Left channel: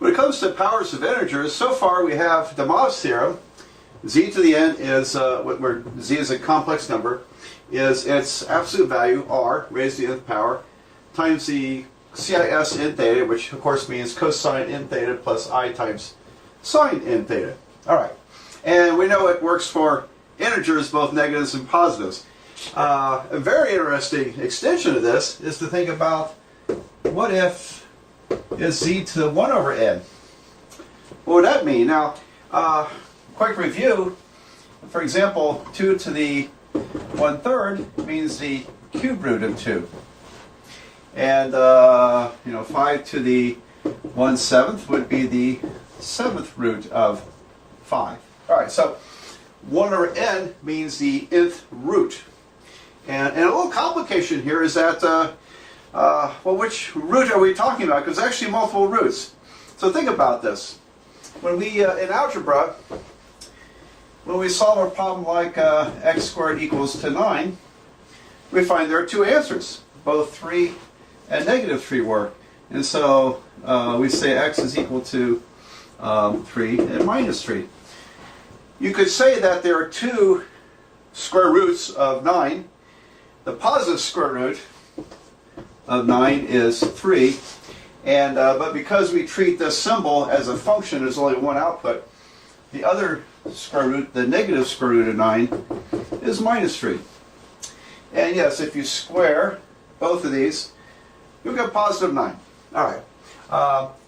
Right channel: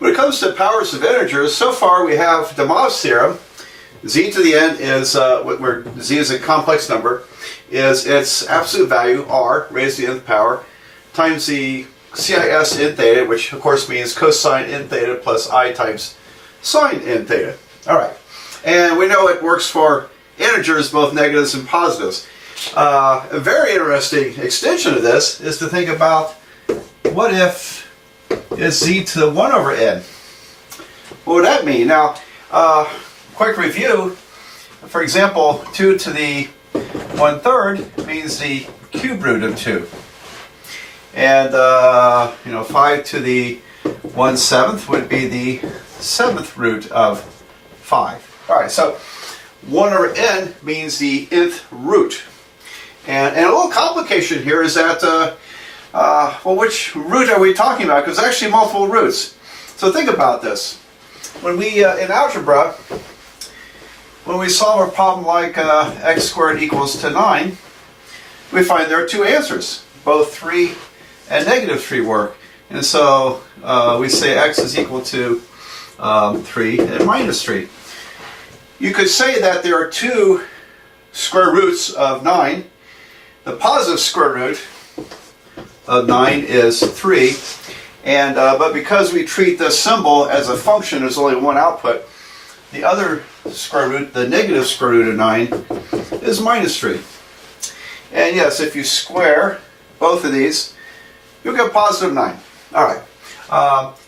When it comes to powers of integers, so far we have de Moivre's theorem. Z to the n is, where z is a complex number, is its absolute value, r, raised to the nth power, times the CIS in theta, which of course means cosine in theta plus I times sine in theta. Alright, and we know it works for integers, both negatives and positives. A very interesting extension of this is to think about, what if is z to the 1 over n? What would that mean? Now, quick review, for example, 2 to the 1/3 means the cube root of 2. And, 5 to the 1/7 would be the 7th root of 5. Alright, so 1 over n means the nth root. And a little complication here is that, well, which root are we talking about? Because there's actually multiple roots. So think about this. When we, in algebra, when we solve a problem like x squared equals to 9, we find there are two answers. Both 3 and negative 3 work. And so we say x is equal to 3 and minus 3. You could say that there are two square roots of 9. The positive square root of 9 is 3. And, but because we treat this symbol as a function, there's only one output. The other square root, the negative square root of 9, is minus 3. And yes, if you square both of these, you'll get positive 9. Alright.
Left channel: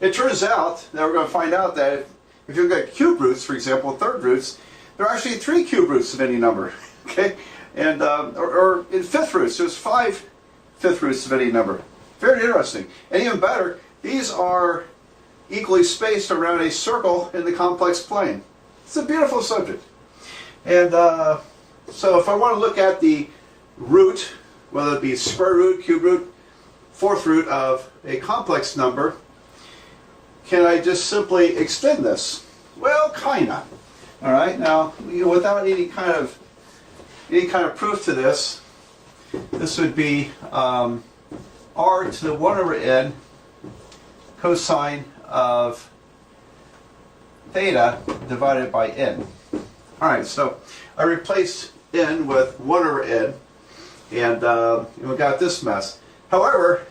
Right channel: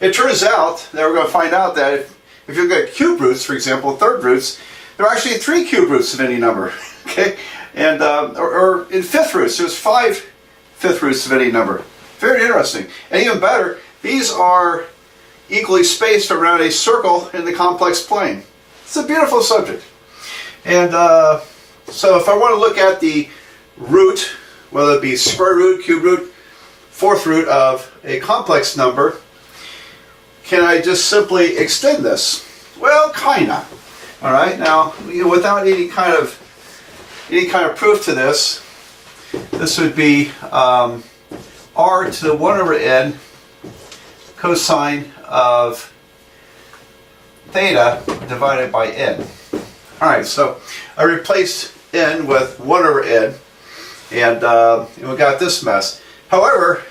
It turns out that we're going to find out that if you look at cube roots, for example, third roots, there are actually 3 cube roots of any number. Okay? And, or in fifth roots, there's 5 fifth roots of any number. Very interesting. And even better, these are equally spaced around a circle in the complex plane. It's a beautiful subject. And so if I want to look at the root, whether it be square root, cube root, fourth root of a complex number, can I just simply extend this? Well, kinda. All right. Now, without any kind of proof to this, this would be r to the 1 over n cosine of theta divided by n. Alright, so I replaced n with 1 over n, and we got this mess. However,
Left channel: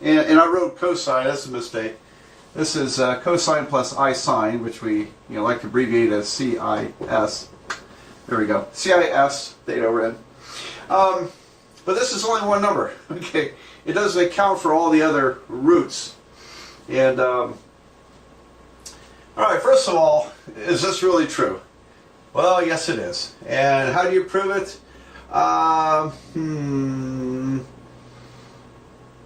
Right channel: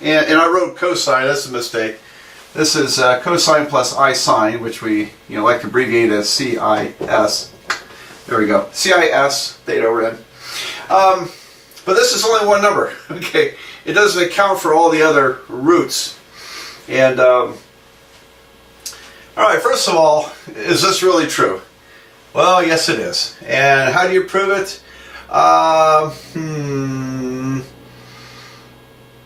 and I wrote cosine, that's a mistake. This is cosine plus I sine, which we like to abbreviate as CIS. There we go, CIS theta over n. But this is only one number, okay? It doesn't account for all the other roots. And, alright, first of all, is this really true? Well, yes it is. And how do you prove it?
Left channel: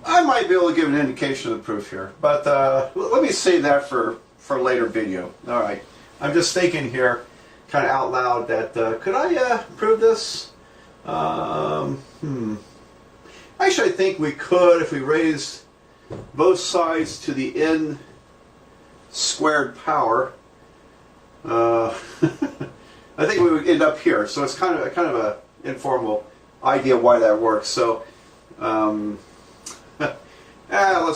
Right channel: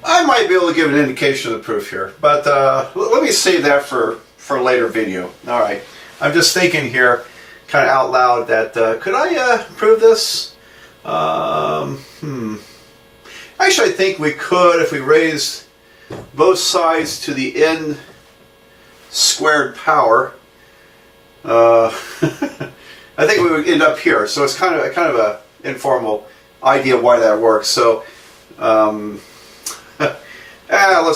I might be able to give an indication of the proof here, but let me save that for a later video. Alright, I'm just thinking here, kind of out loud, that could I prove this? Actually, I think we could if we raised both sides to the n squared power. I think we would end up here. So it's kind of a informal idea why that works. So let's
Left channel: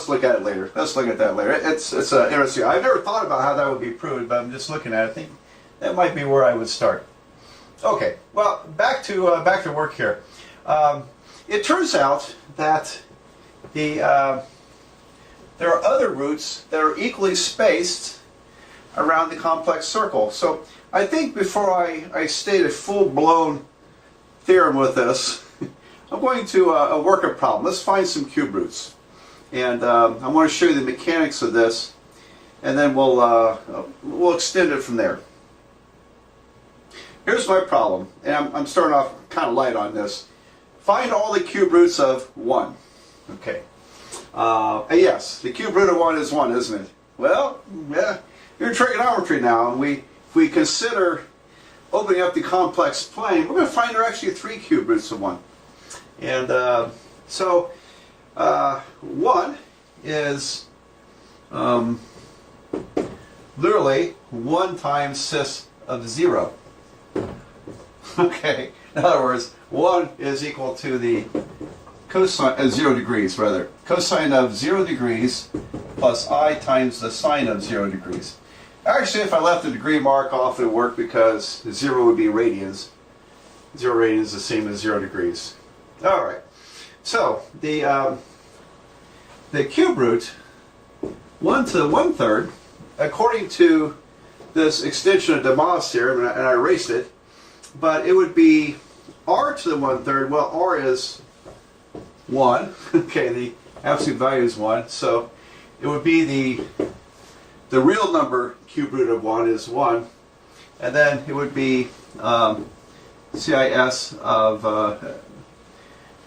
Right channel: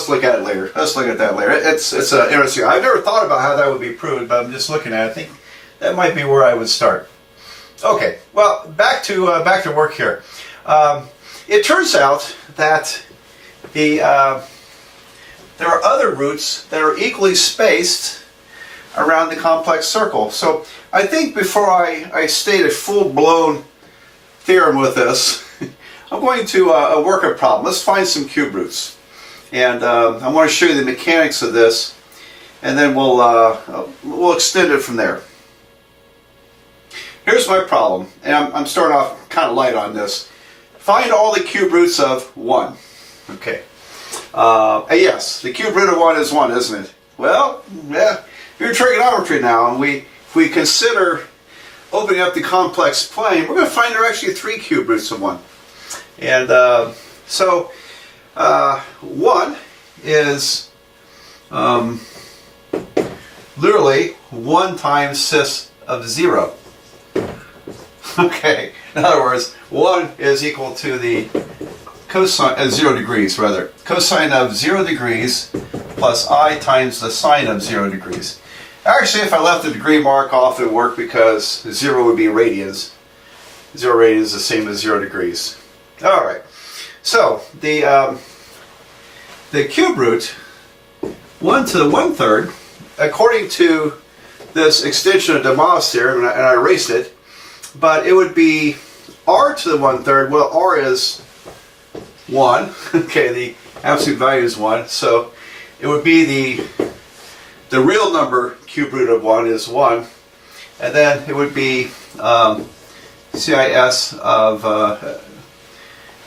look at it later. Let's look at that later. It's interesting. I've never thought about how that would be proved, but I'm just looking at it. I think that might be where I would start. Okay. Well, back to work here. It turns out that there are other roots that are equally spaced around the complex circle. So I think before I state a full-blown theorem with this, I'm going to work a problem. Let's find some cube roots. And I want to show you the mechanics of this, and then we'll extend it from there. Here's my problem, and I'm starting off kind of light on this. Find all the cube roots of 1. Okay. Yes, the cube root of 1 is 1, isn't it? Well, yeah, you're in trigonometry now, and if we consider opening up the complex plane, we're going to find there are actually 3 cube roots of 1. And so 1 is literally 1 times cis of 0. Okay, in other words, 1 is equal to the cosine, 0 degrees rather, cosine of 0 degrees plus I times the sine of 0 degrees. Actually, if I left the degree mark off, it would work because 0 would be radians. 0 radians is the same as 0 degrees. All right. So the cube root, 1 to the 1/3, according to this extension of Demos's theorem, and I erased it, but it would be r to the 1/3. Well, r is 1. Okay, the absolute value is 1, so it would be the real number cube root of 1 is 1, and then it would be CIS of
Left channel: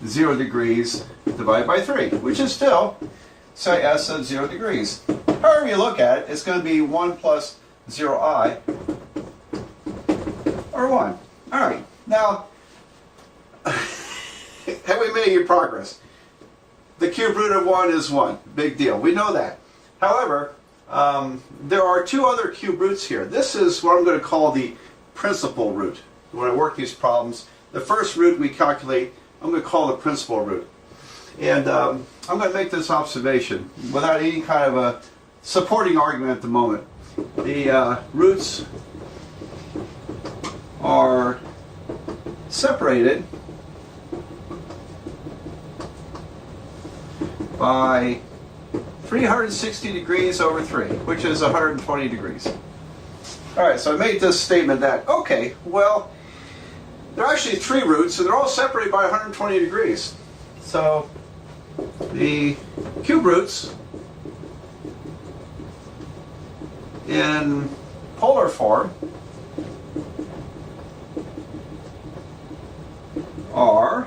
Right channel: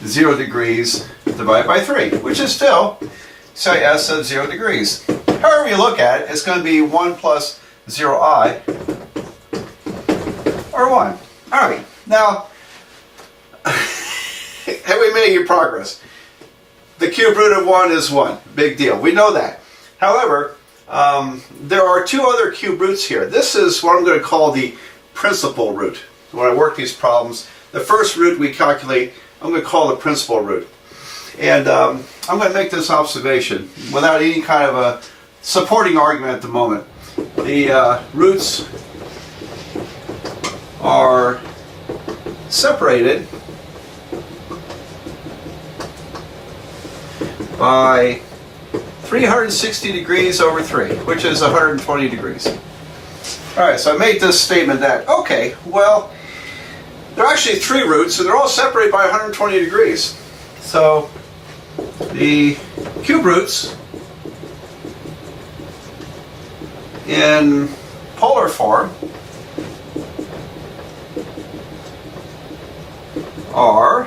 0 degrees divided by 3, which is still CIS of 0 degrees. However you look at it, it's going to be 1 plus 0i, or 1. All right, now, have we made any progress? The cube root of 1 is 1. Big deal. We know that. However, there are two other cube roots here. This is what I'm going to call the principal root. When I work these problems, the first root we calculate, I'm going to call the principal root. And I'm going to make this observation without any kind of a supporting argument at the moment. The roots are separated by 360 degrees over 3, which is 120 degrees. All right, so I made this statement that, okay, well, there are actually 3 roots, and they're all separated by 120 degrees. So the cube roots in polar form are,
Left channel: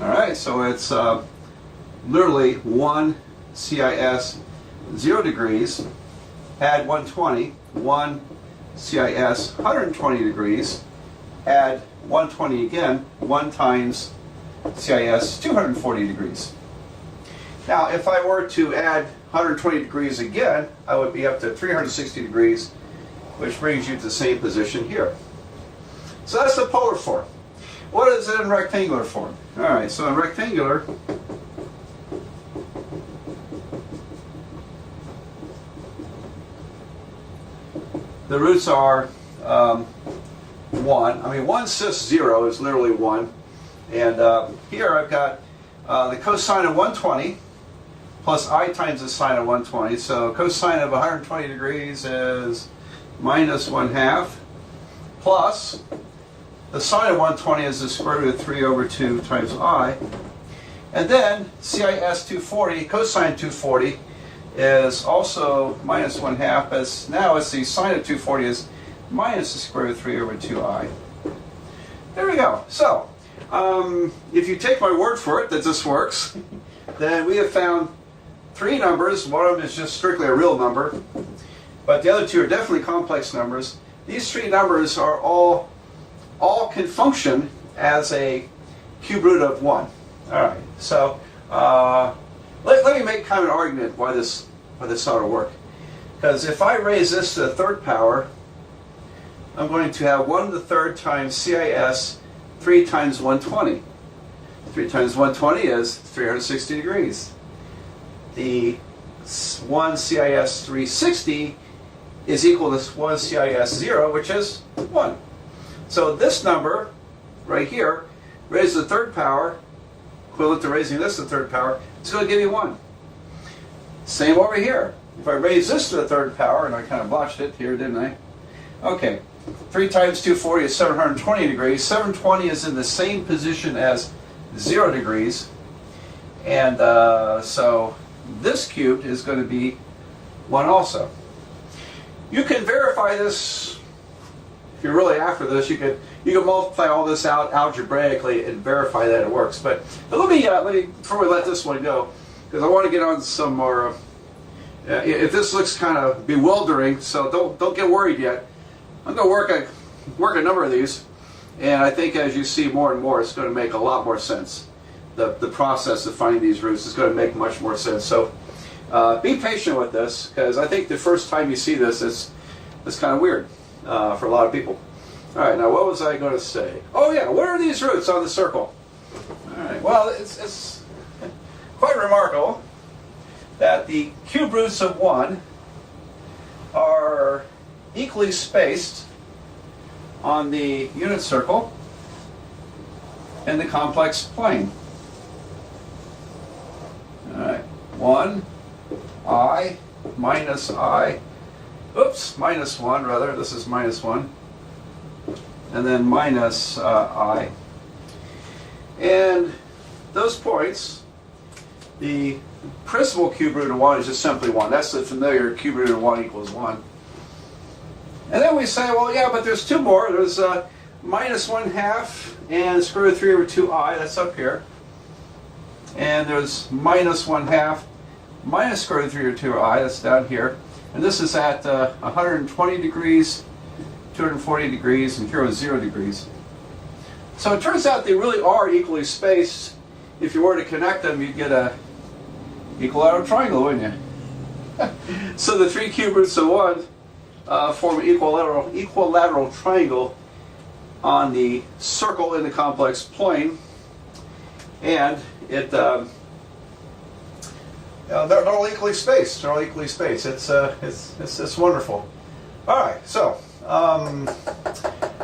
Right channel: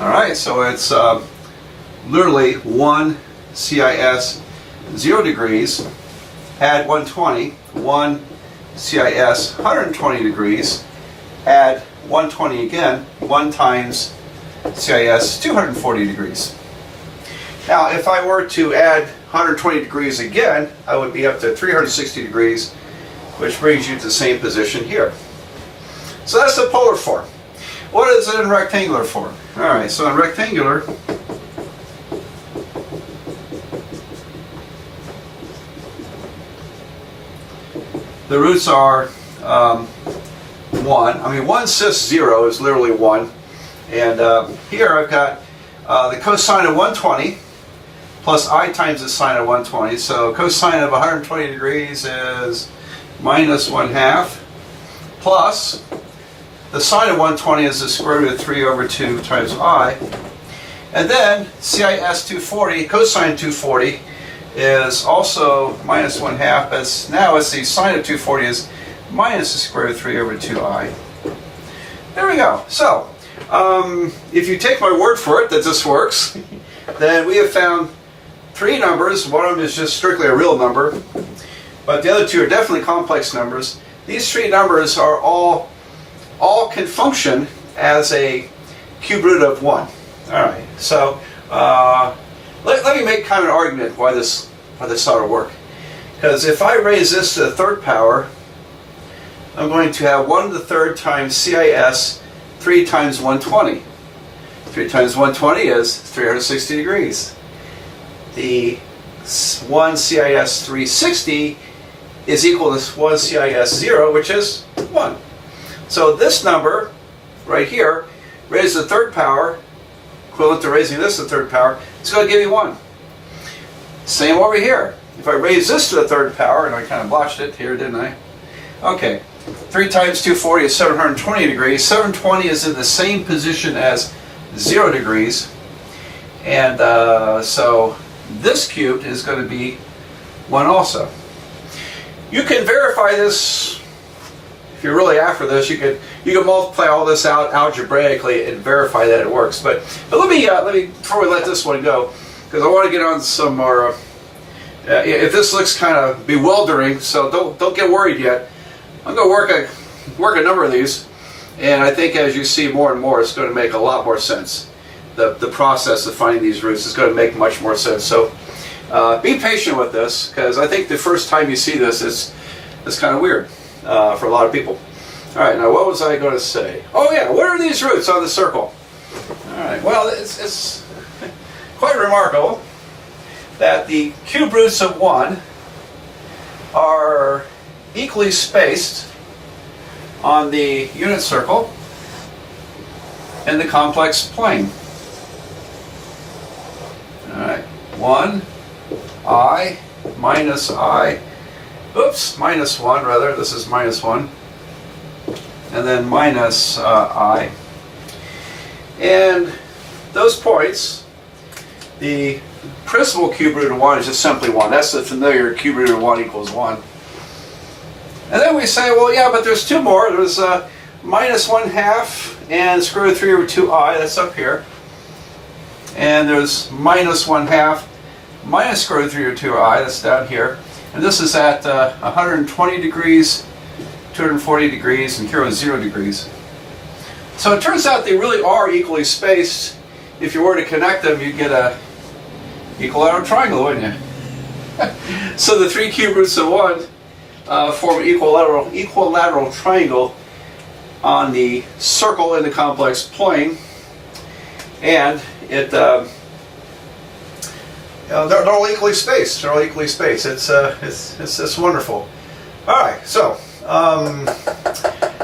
all right, so it's literally 1 CIS 0 degrees, add 120, 1 CIS 120 degrees, add 120 again, 1 times CIS 240 degrees. Now, if I were to add 120 degrees again, I would be up to 360 degrees, which brings you to the same position here. So that's the polar form. What is it in rectangular form? All right, so in rectangular, the roots are 1. I mean, 1 cis 0 is literally 1. And here I've got the cosine of 120 plus I times the sine of 120. So cosine of 120 degrees is minus 1/2 plus the sine of 120 is the square root of 3 over 2 times I. And then CIS 240, cosine 240, is also minus 1/2, but now it's the sine of 240 is minus the square root of 3 over 2i. There we go. So, if you take my word for it that this works, then we have found 3 numbers. One of them is just strictly a real number, but the other 2 are definitely complex numbers. These 3 numbers are all can function as a cube root of 1. All right. So, let me make kind of an argument why this ought to work. Because if I raise this to the 3rd power, I'm going to have 1 to the 3rd times CIS 3 times 120. 3 times 120 is 360 degrees. The 1 CIS 360 is equal to 1 CIS 0, which is 1. So this number right here, raised to the 3rd power, equivalent to raising this to the 3rd power, it's going to give you 1. Same over here. If I raise this to the 3rd power, and I kind of blotched it here, didn't I? Okay, 3 times 240 is 720 degrees. 720 is in the same position as 0 degrees. And so this cubed is going to be 1 also. You can verify this. If you're really after this, you can multiply all this out algebraically and verify that it works. But let me before we let this one go, because I want to get on some more. If this looks kind of bewildering, so don't get worried yet. I'm going to work a number of these, and I think as you see more and more, it's going to make a lot more sense. The process of finding these roots is going to make much more sense. So be patient with this, because I think the first time you see this, it's kind of weird for a lot of people. All right, now what was I going to say? Oh yeah, what are these roots on the circle? All right, well, it's quite remarkable. that the cube roots of 1 are equally spaced on the unit circle in the complex plane. Alright, 1, I, minus I, minus 1 rather, this is minus 1, and then minus I. And those points, the principal cube root of 1 is just simply 1. That's the familiar cube root of 1 equals 1. And then we say, well, yeah, but there's two more. There's minus 1/2 and square root of 3 over 2i, that's up here. And there's minus 1/2 minus square root of 3 over 2i, that's down here. And this is at 120 degrees, 240 degrees, and here is 0 degrees. So it turns out they really are equally spaced. If you were to connect them, you'd get a equilateral triangle, wouldn't you? So the three cube roots of 1 form an equilateral triangle on the circle in the complex plane, and it they're all equally spaced. They're all equally spaced. It's wonderful. All right, so now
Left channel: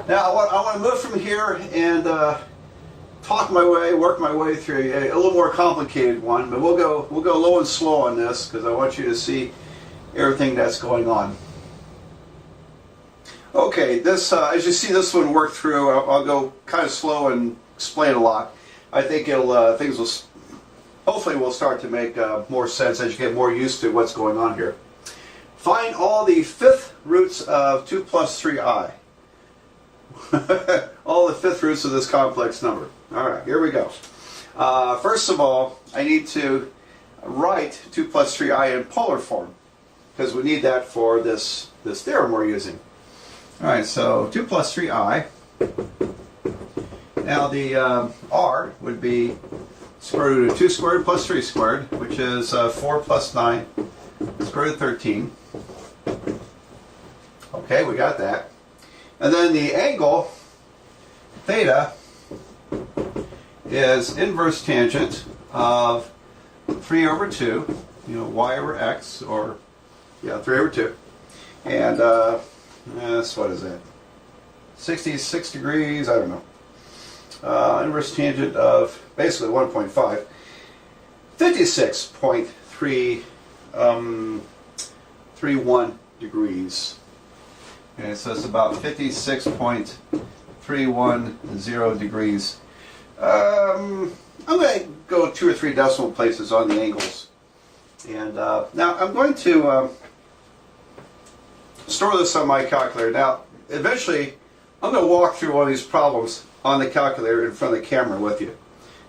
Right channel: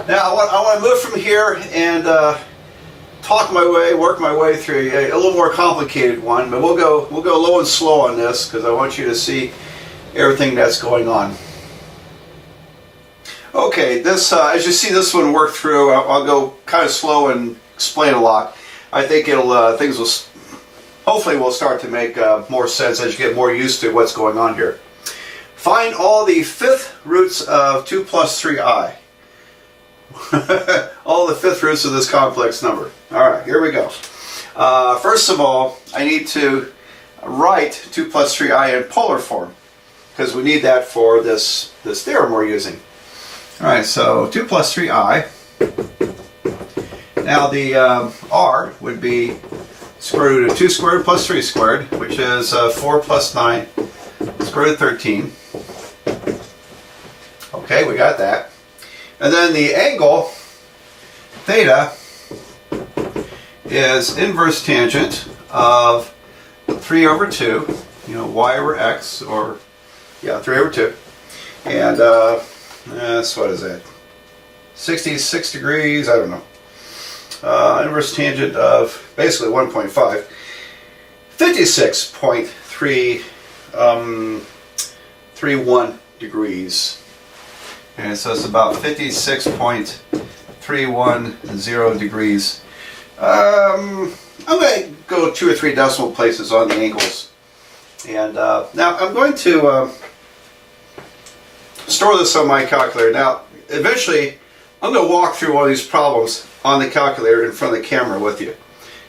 I want to move from here and work my way through a little more complicated one, but we'll go low and slow on this because I want you to see everything that's going on. Okay, this as you see this one work through, I'll go kind of slow and explain a lot. I think it'll things will hopefully will start to make more sense as you get more used to what's going on here. Find all the fifth roots of 2 plus 3i. All the fifth roots of this complex number. All right, here we go. First of all, I need to write 2 plus 3i in polar form because we need that for this theorem we're using. All right, so 2 plus 3i. Now the r would be square root of 2 squared plus 3 squared, which is 4 plus 9, square root of 13. Okay, we got that. And then the angle, theta, is inverse tangent of 3 over 2, y over x, or, 3 over 2. And that's, what is that? 66 degrees, I don't know. Inverse tangent of basically 1.5. 56.31 degrees. And so it's about 56.310 degrees. I'm going to go 2 or 3 decimal places on the angles. And now I'm going to store this on my calculator. Now, eventually, I'm going to walk through all these problems on the calculator in front of the camera with you,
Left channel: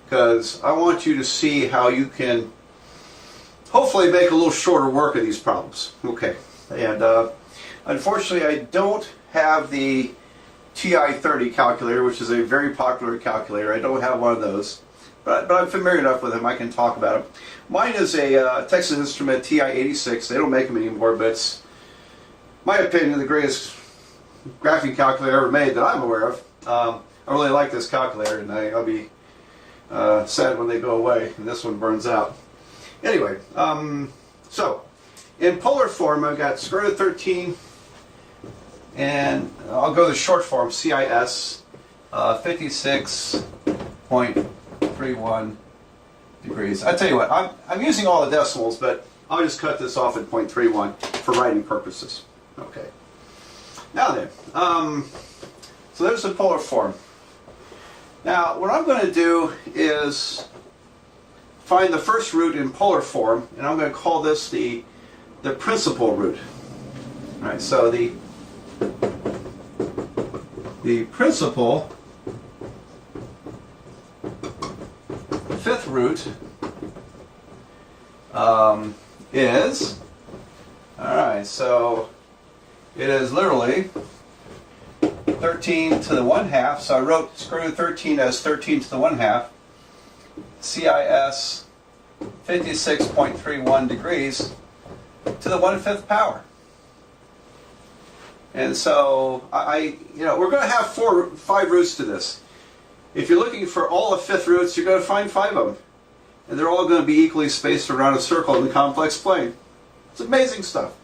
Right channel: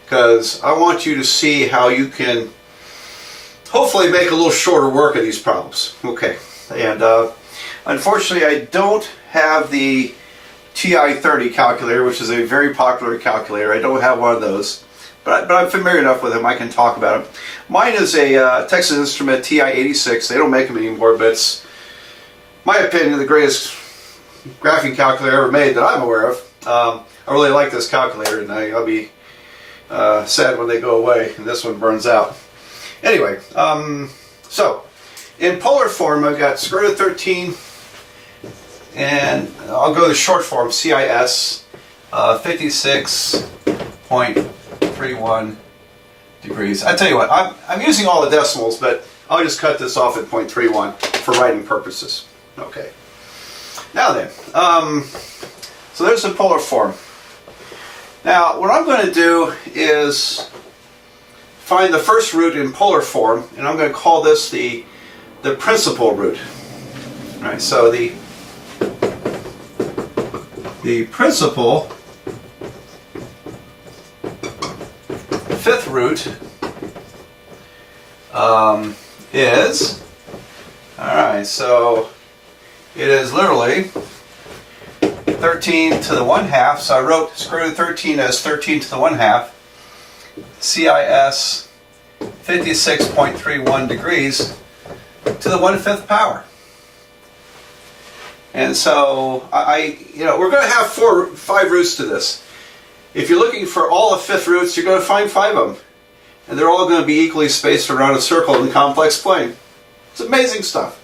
because I want you to see how you can hopefully make a little shorter work of these problems. Okay, and unfortunately I don't have the TI-30 calculator, which is a very popular calculator. I don't have one of those, but I'm familiar enough with them I can talk about them. Mine is a Texas Instrument TI-86. They don't make them anymore, but it's, in my opinion, the greatest graphing calculator ever made that I'm aware of. I really like this calculator, and I'll be sad when they go away and this one burns out. Anyway, so in polar form, I've got square root of 13, and I'll go to the short form, CIS, 56.31 degrees. I tell you what, I'm using all the decimals, but I'll just cut this off at 0.31 for writing purposes. Okay. Now then, so there's the polar form. Now, what I'm going to do is find the first root in polar form, and I'm going to call this the principal root. All right, so the principal fifth root is, all right, so it is literally 13 to the 1/2, so I wrote square root of 13 as 13 to the 1/2. CIS 56.31 degrees to the 1/5 power. And so we're going to have 5 roots to this. If you're looking for all the fifth roots, you're going to find 5 of them. and they're all going to be equally spaced around a circle in the complex plane. It's amazing stuff.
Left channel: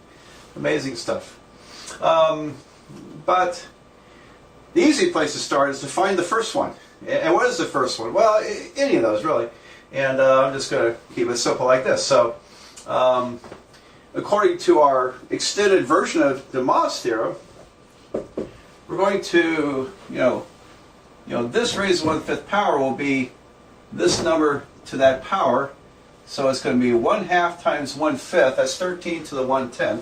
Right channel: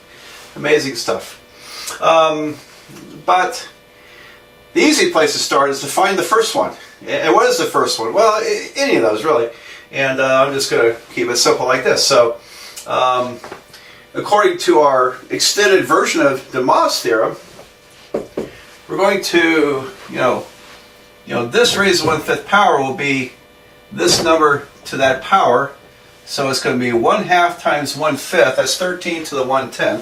Amazing stuff. But the easy place to start is to find the first one. And what is the first one? Well, any of those, really. And I'm just going to keep it simple like this. So, according to our extended version of the Moivre's theorem, we're going to, this raised to 1/5 power will be this number to that power. So it's going to be 1/2 times 1/5. That's 13 to the 1/10.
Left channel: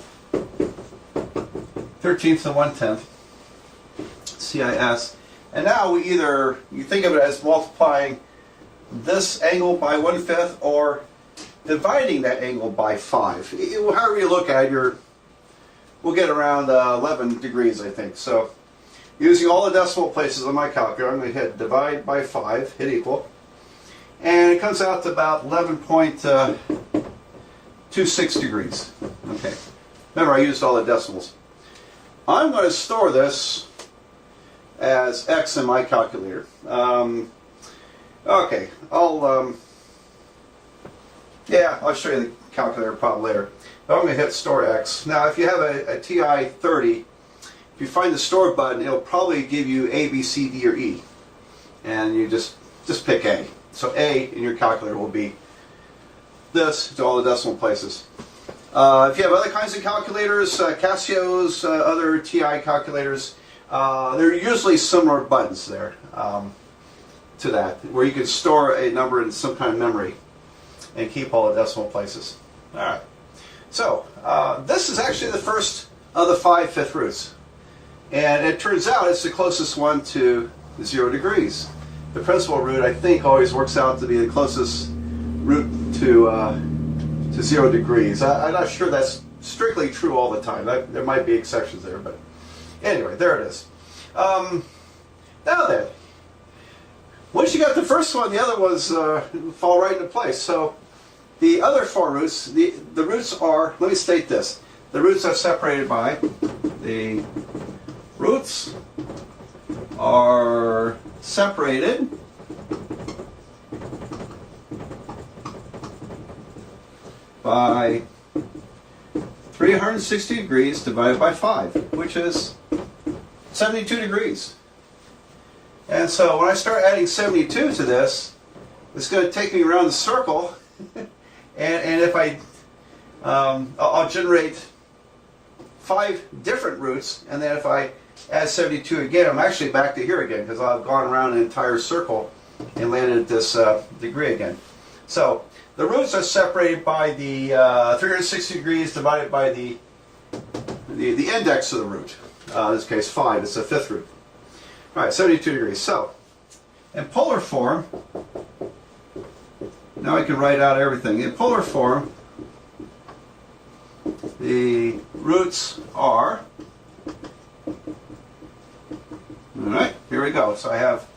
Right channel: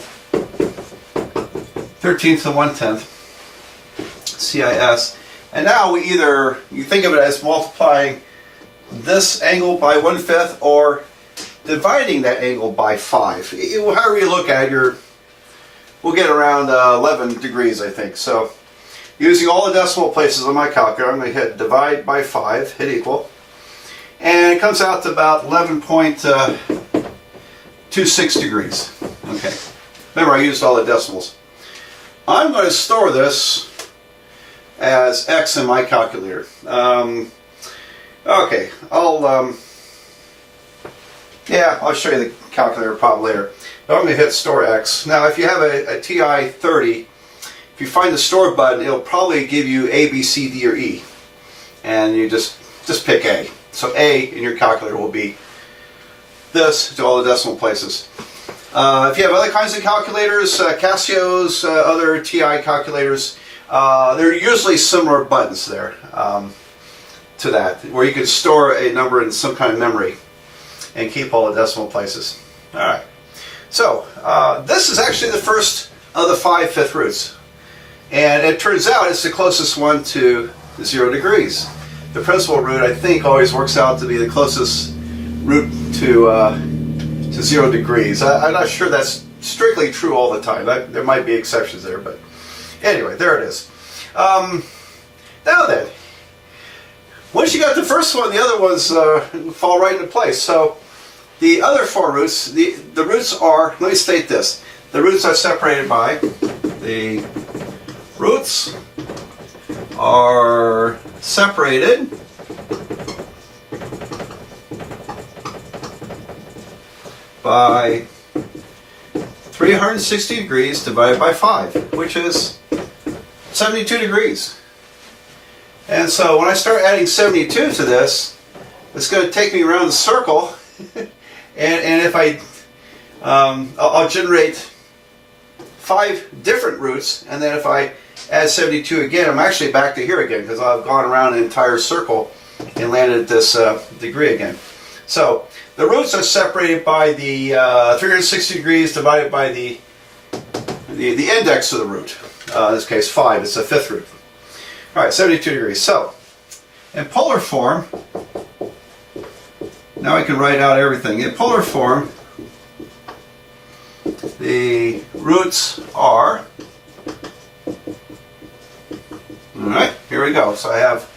13 to the 1/10. CIS. And now you think of it as multiplying this angle by 1/5 or dividing that angle by 5. However you look at it, we'll get around 11 degrees, I think. So using all the decimal places on my calculator, I'm going to hit divide by 5, hit equal. And it comes out to about 11.26 degrees. Okay. Remember, I used all the decimals. I'm going to store this as X in my calculator. Okay, I'll show you the calculator problem later. But I'm going to hit store X. Now, if you have a TI 30, if you find the store button, it'll probably give you A, B, C, D, or E. And you just pick A. So A in your calculator will be this to all the decimal places. If you have other kinds of calculators, Casio's, other TI calculators, there are usually similar buttons there to that, where you can store a number in some kind of memory and keep all the decimal places. Alright, so this is actually the first of the 5 fifth roots. And it turns out it's the closest one to 0 degrees. The principal root, I think, always works out to be the closest root to 0 degrees. I'm not sure that's strictly true all the time. There might be exceptions there, but anyway, there it is. Now then, once you got the first one, the other ones fall right into place. So the other 4 roots, the roots are, let me state this, the roots are separated by, the roots are separated by 360 degrees divided by 5, which is 72 degrees. And so when I start adding 72 to this, it's going to take me around the circle, and if I'll generate 5 different roots, and then if I add 72 again, I'm actually back to here again, because I've gone around an entire circle and landed at this degree again. So the roots are separated by the 360 degrees divided by the index of the root. In this case 5, it's the 5th root. Alright, 72 degrees. So, in polar form, now I can write out everything. In polar form, the roots are, alright, here we go. So I have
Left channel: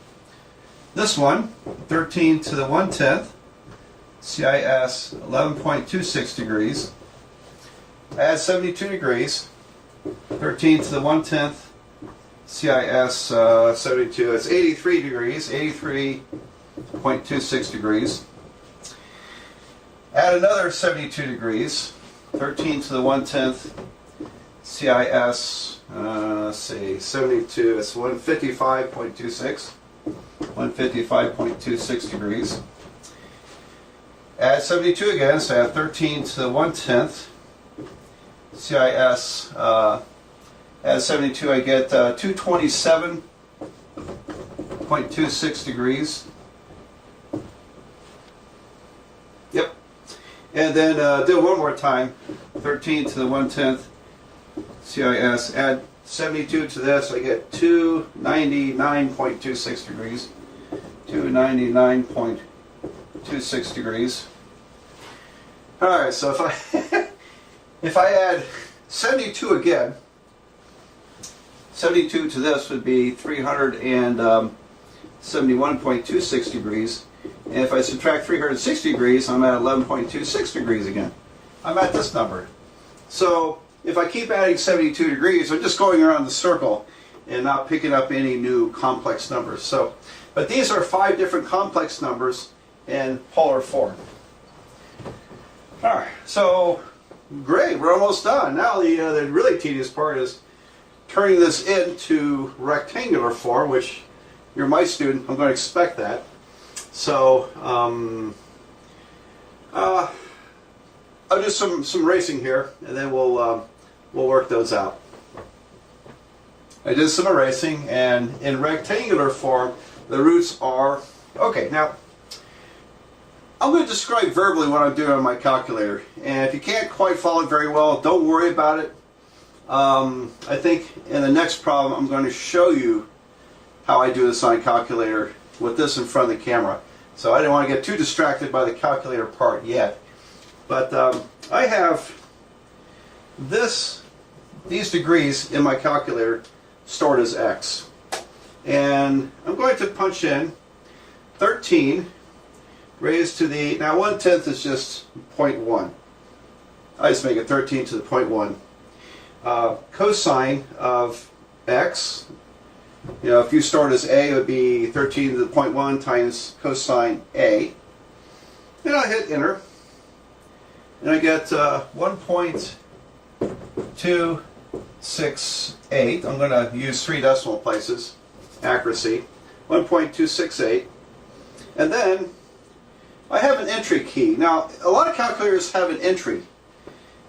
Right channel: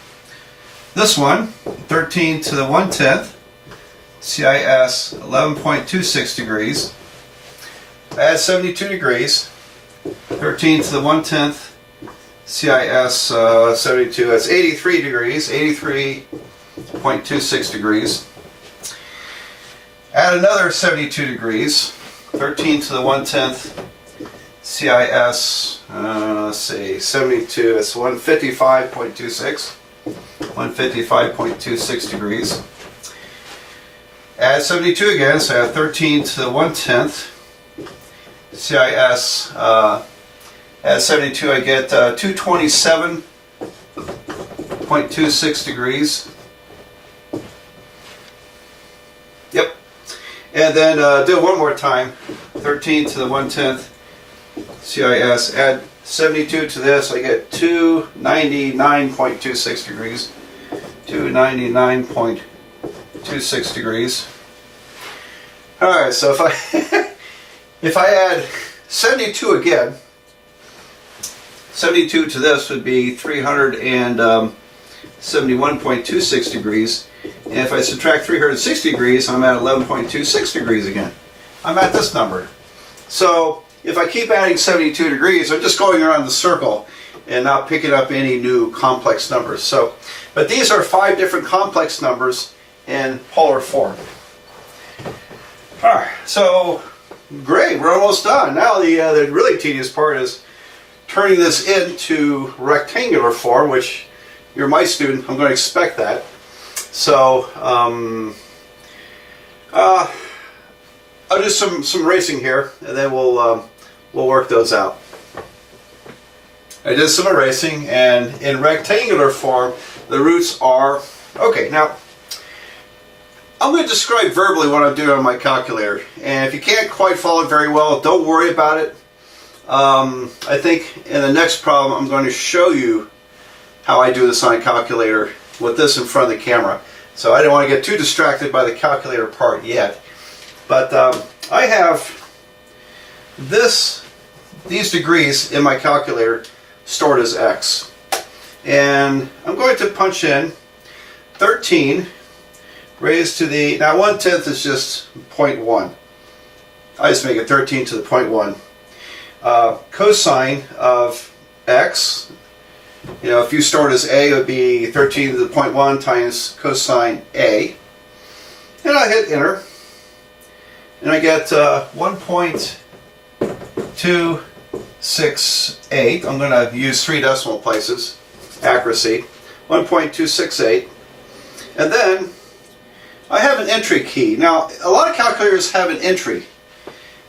this one, 13 to the 1/10, CIS 11.26 degrees. Add 72 degrees, 13 to the 1/10, CIS 72, that's 83 degrees, 83.26 degrees. Add another 72 degrees, 13 to the 1/10, CIS, let's see, 72, that's 155.26, 155.26 degrees. Add 72 again, so I have 13 to the 1/10, CIS, add 72, I get 227.26 degrees. Yep. And then do it one more time. 13 to the 1/10, CIS, add 72 to this, I get 299.26 degrees. 299.26 degrees. Alright, so if I add 72 again, 72 to this would be 371.26 degrees. And if I subtract 360 degrees, I'm at 11.26 degrees again. I'm at this number. So if I keep adding 72 degrees, I'm just going around the circle and not picking up any new complex numbers. But these are 5 different complex numbers in polar form. Alright, so great, we're almost done. Now the really tedious part is turning this into rectangular form, which you're my student, I'm going to expect that. So I'll do some erasing here, and then we'll work those out. I did some erasing, and in rectangular form, the roots are okay. Now, I'm going to describe verbally what I'm doing on my calculator, and if you can't quite follow it very well, don't worry about it. I think in the next problem, I'm going to show you how I do this on a calculator with this in front of the camera. So I don't want to get too distracted by the calculator part yet. But I have these degrees in my calculator stored as x. And I'm going to punch in 13 raised to the, now 1/10 is just 0.1. I just make it 13 to the 0.1. Cosine of x, you know, if you stored as a, it would be 13 to the 0.1 times cosine a. And I hit enter. And I get 1.268. I'm going to use 3 decimal places, accuracy. 1.268. And then I have an entry key. Now, a lot of calculators have an entry.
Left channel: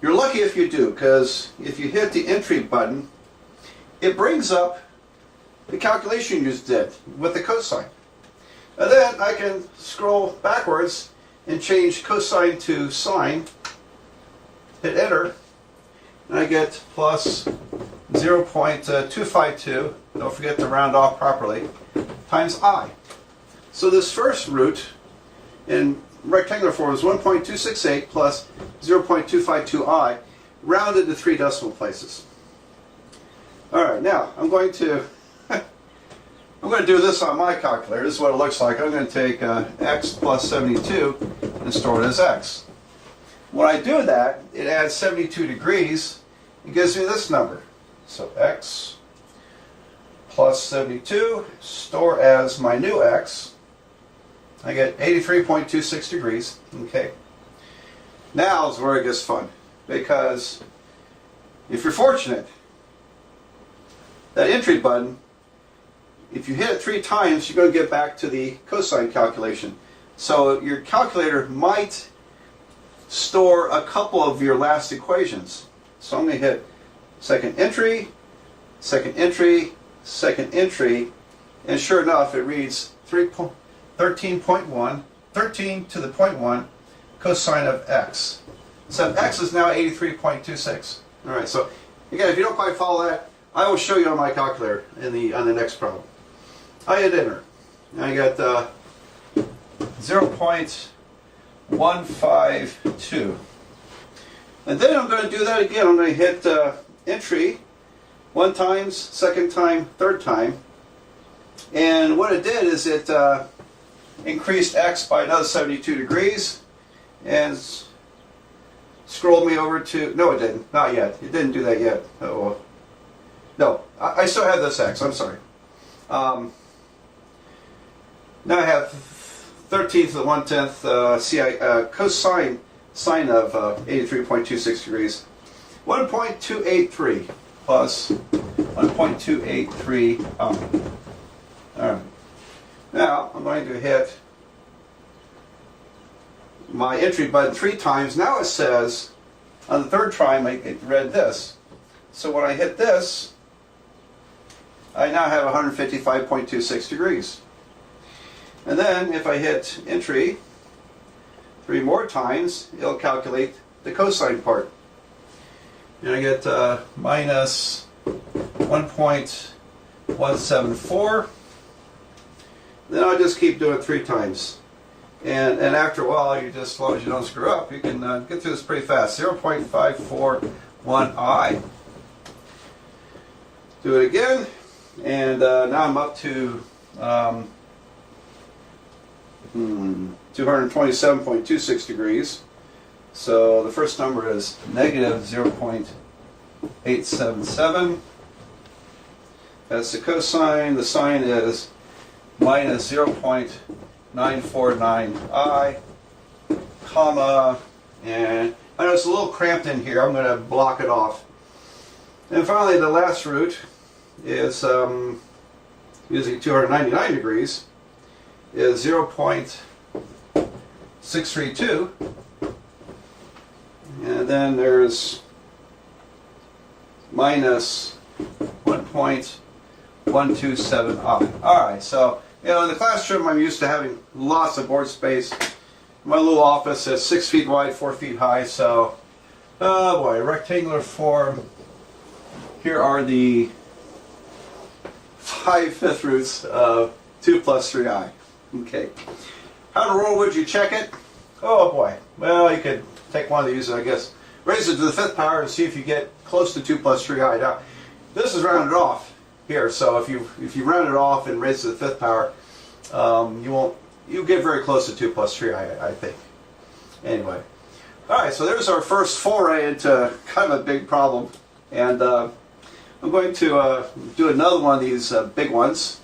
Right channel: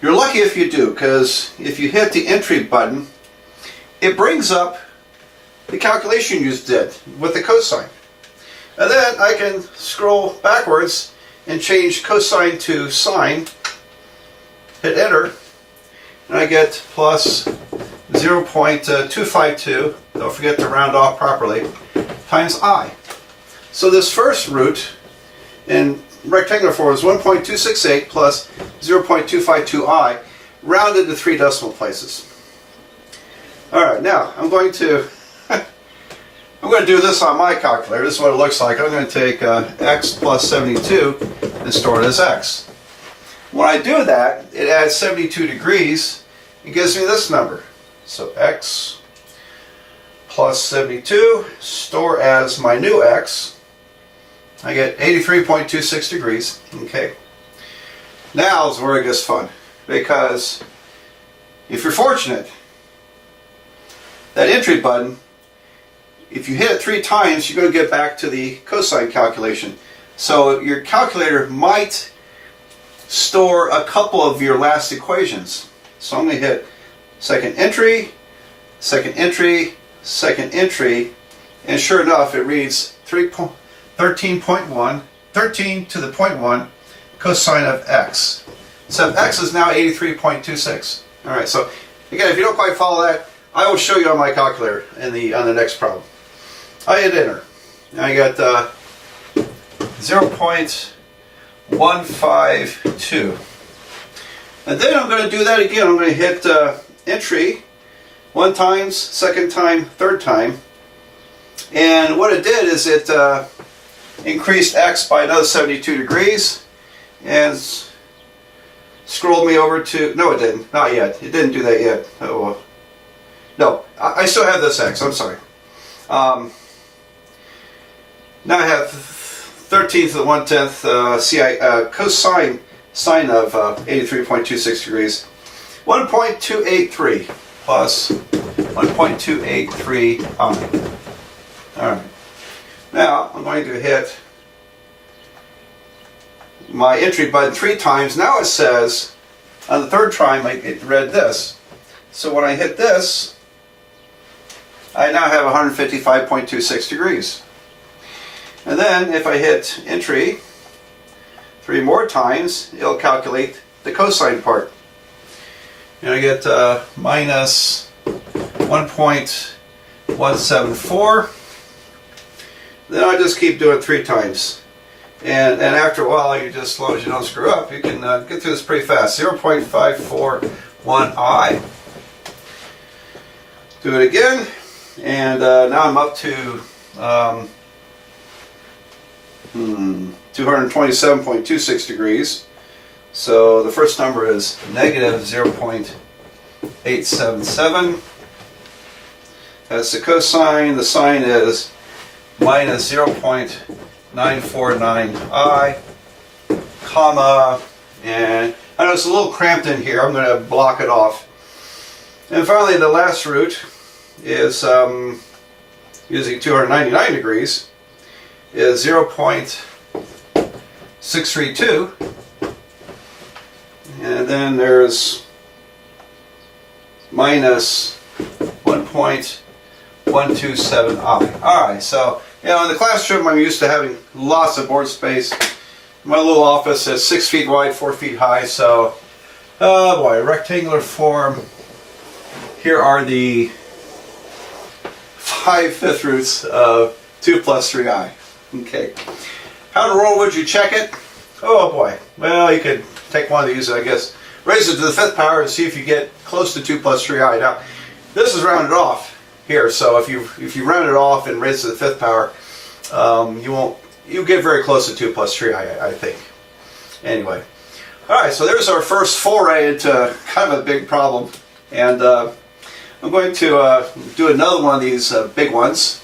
You're lucky if you do, because if you hit the entry button, it brings up the calculation you just did with the cosine. And then I can scroll backwards and change cosine to sine, hit enter, and I get plus 0.252, don't forget to round off properly, times I. So this first root in rectangular form is 1.268 plus 0.252i, rounded to 3 decimal places. Alright, now I'm going to do this on my calculator. This is what it looks like. I'm going to take x plus 72 and store it as x. When I do that, it adds 72 degrees and gives me this number. So x plus 72, store as my new x. I get 83.26 degrees. Okay. Now is where it gets fun, because if you're fortunate, that entry button, if you hit it 3 times, you're going to get back to the cosine calculation. So your calculator might store a couple of your last equations. So I'm going to hit second entry, second entry, second entry, and sure enough, it reads 13.1, 13 to the 0.1 cosine of x. So x is now 83.26. All right. So again, if you don't quite follow that, I will show you on my calculator on the next problem. I hit enter. Now I got 0.152. And then I'm going to do that again. I'm going to hit entry 1 time, second time, third time. And what it did is it increased x by another 72 degrees and scrolled me over to, no it didn't, not yet. It didn't do that yet. Oh, no, I still have this x, I'm sorry. Now I have 13 to the 1/10 cosine sine of 83.26 degrees. 1.283 plus 1.283i. Alright. Now I'm going to hit my entry button 3 times. Now it says, on the third time it read this. So when I hit this, I now have 155.26 degrees. And then if I hit entry 3 more times, it'll calculate the cosine part. And I get minus 1.174. Then I just keep doing 3 times. And after a while, you just, as long as you don't screw up, you can get through this pretty fast. 0.541i. Do it again. And now I'm up to 227.26 degrees. So the first number is negative 0.877. That's the cosine. The sine is minus 0.949i. comma, and I know it's a little cramped in here. I'm going to block it off. And finally, the last root is using 299 degrees is 0.632, and then there's minus 1.127i. Alright, so in the classroom I'm used to having lots of board space. My little office is 6 feet wide, 4 feet high, so oh boy, rectangular form. Here are the 5/5 roots of 2 plus 3i. Okay. How in the world would you check it? Oh boy. Well, you could take one of these, I guess, raise it to the 5th power and see if you get close to 2 plus 3i. Now, this is rounded off here, so if you round it off and raise it to the 5th power, you'll get very close to 2 plus 3i, I think. Anyway. Alright, so there's our first foray into kind of a big problem. And I'm going to do another one of these big ones,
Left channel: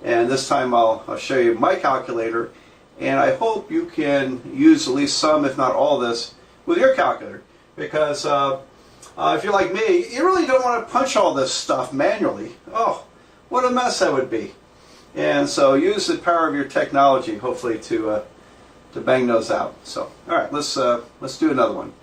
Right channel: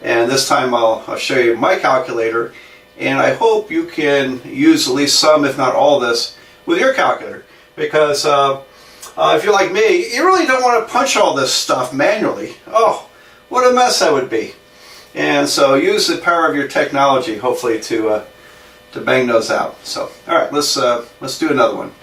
and this time I'll show you my calculator, and I hope you can use at least some, if not all of this, with your calculator, because if you're like me, you really don't want to punch all this stuff manually. Oh, what a mess that would be. And so use the power of your technology, hopefully, to bang those out. So, all right, let's do another one.